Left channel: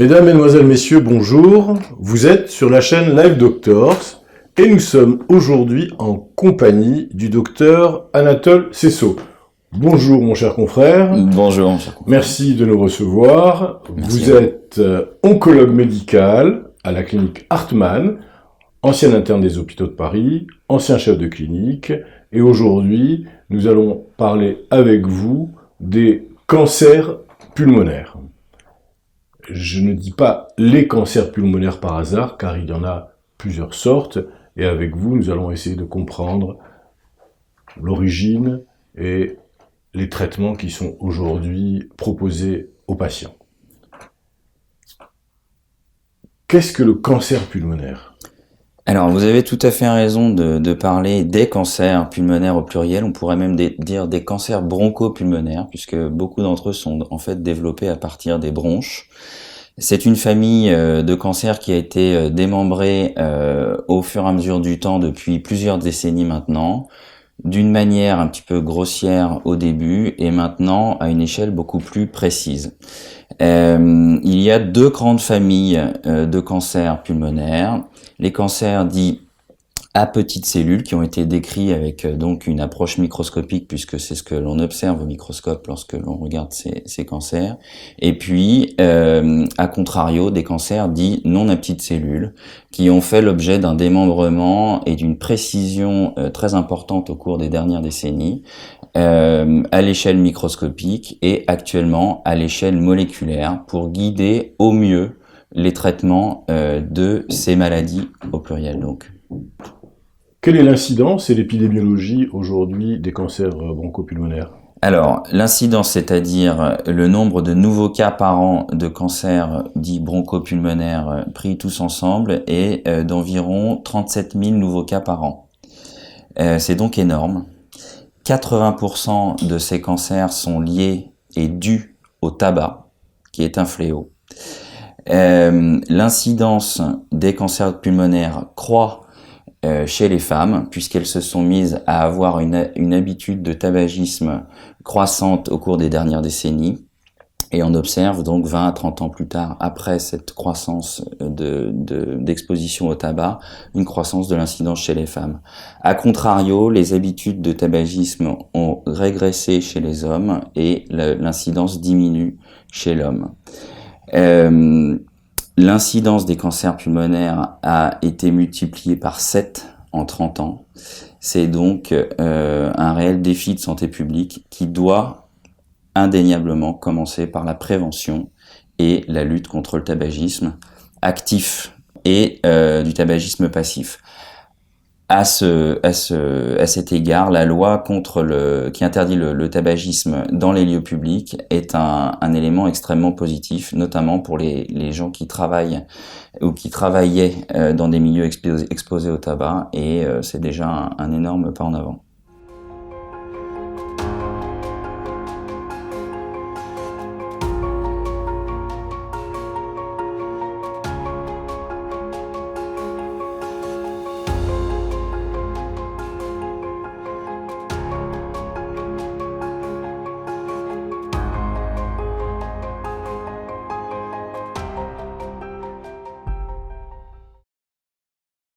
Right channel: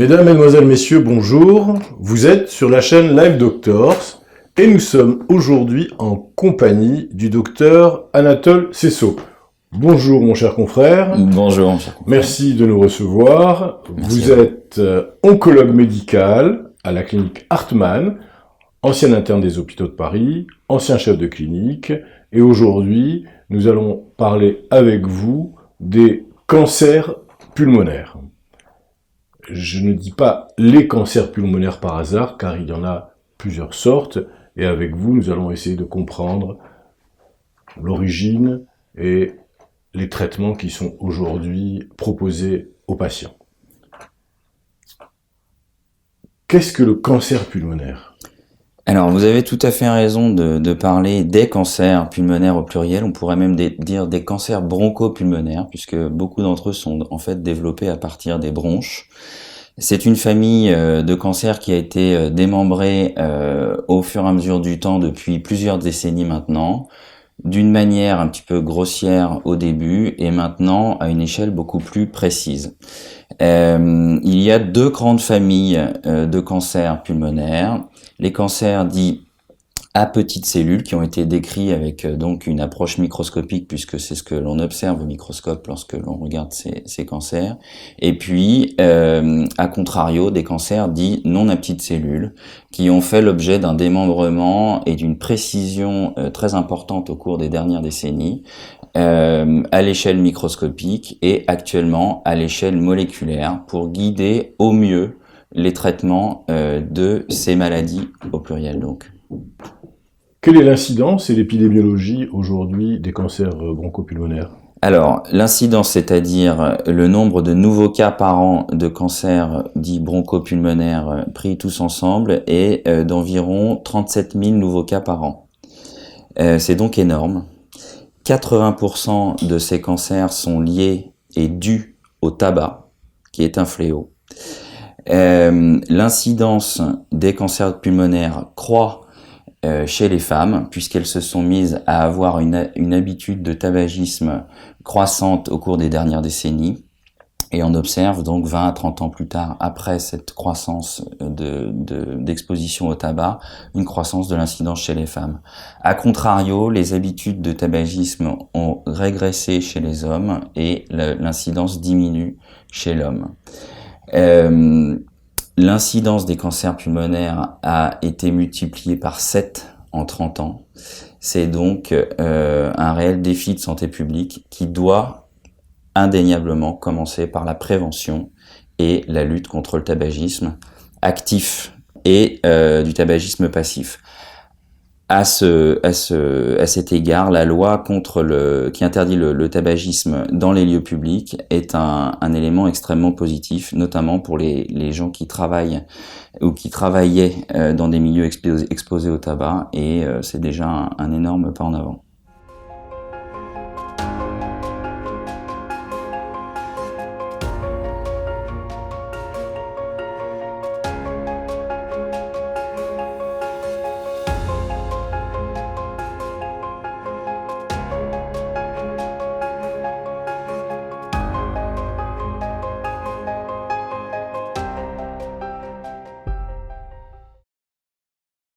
Mesdames, Mesdemoiselles, Messieurs, bonjour. Vous êtes sur la chaîne Live Doctors et nous sommes aujourd'hui en compagnie du docteur Anatole Cessot. Bonjour mon cher confrère. Bonjour mon cher confrère. Merci de nous recevoir. Merci Vous à vous. êtes oncologue médical à la clinique Hartmann, ancien interne des hôpitaux de Paris, ancien chef de clinique, et aujourd'hui nous allons parler avec vous des cancers pulmonaires. Je ne dis pas les cancers pulmonaires par hasard, car il y en a plusieurs sortes, et avec vous, nous allons essayer de comprendre l'origine et les traitements qui sont aujourd'hui proposés aux patients. Qu'est-ce que le cancer pulmonaire ? Alors, vous avez tout à fait raison de parler des cancers pulmonaires au pluriel. On pourrait même dire des cancers bronchopulmonaires, puisque beaucoup d'entre eux sont en fait développés à partir des bronches. C'est une famille de cancers qui a été démembrée au fur et à mesure du temps depuis plusieurs décennies maintenant, d'une manière un petit peu grossière au début et maintenant à une échelle beaucoup plus précise. Il y a deux grandes familles de cancers pulmonaires. Les cancers dits à petites cellules qui ont été décrits avec donc une approche microscopique, puisque c'est ce que l'on observe au microscope lorsque l'on regarde ces cancers. Et puis, à contrario, des cancers dits non à petites cellules qui ont fait l'objet d'un démembrement et d'une précision très importante au cours des dernières décennies, à l'échelle microscopique et actuellement à l'échelle moléculaire pour guider au mieux les traitements de ces maladies au pluriel donc. Quelle est l'incidence et l'épidémiologie aujourd'hui des cancers bronchopulmonaires ? Alors, l'incidence, c'est-à-dire le nombre de nouveaux cas par an de cancers dits bronchopulmonaires pris tous ensemble, est d'environ 37 000 nouveaux cas par an. C'est donc énorme. 80% de ces cancers sont liés et dus au tabac, qui est un fléau. L'incidence des cancers pulmonaires croît chez les femmes, puisqu'elles se sont mises à avoir une habitude de tabagisme croissante au cours des dernières décennies. Et on observe donc 20 à 30 ans plus tard, après cette croissance d'exposition au tabac, une croissance de l'incidence chez les femmes. A contrario, les habitudes de tabagisme ont régressé chez les hommes et l'incidence diminue chez l'homme. L'incidence des cancers pulmonaires a été multipliée par 7 en 30 ans. C'est donc un réel défi de santé publique qui doit indéniablement commencer par la prévention et la lutte contre le tabagisme actif et du tabagisme passif. À cet égard, la loi qui interdit le tabagisme dans les lieux publics est un élément extrêmement positif, notamment pour les gens qui travaillent ou qui travaillaient dans des milieux exposés au tabac, et c'est déjà un énorme pas en avant.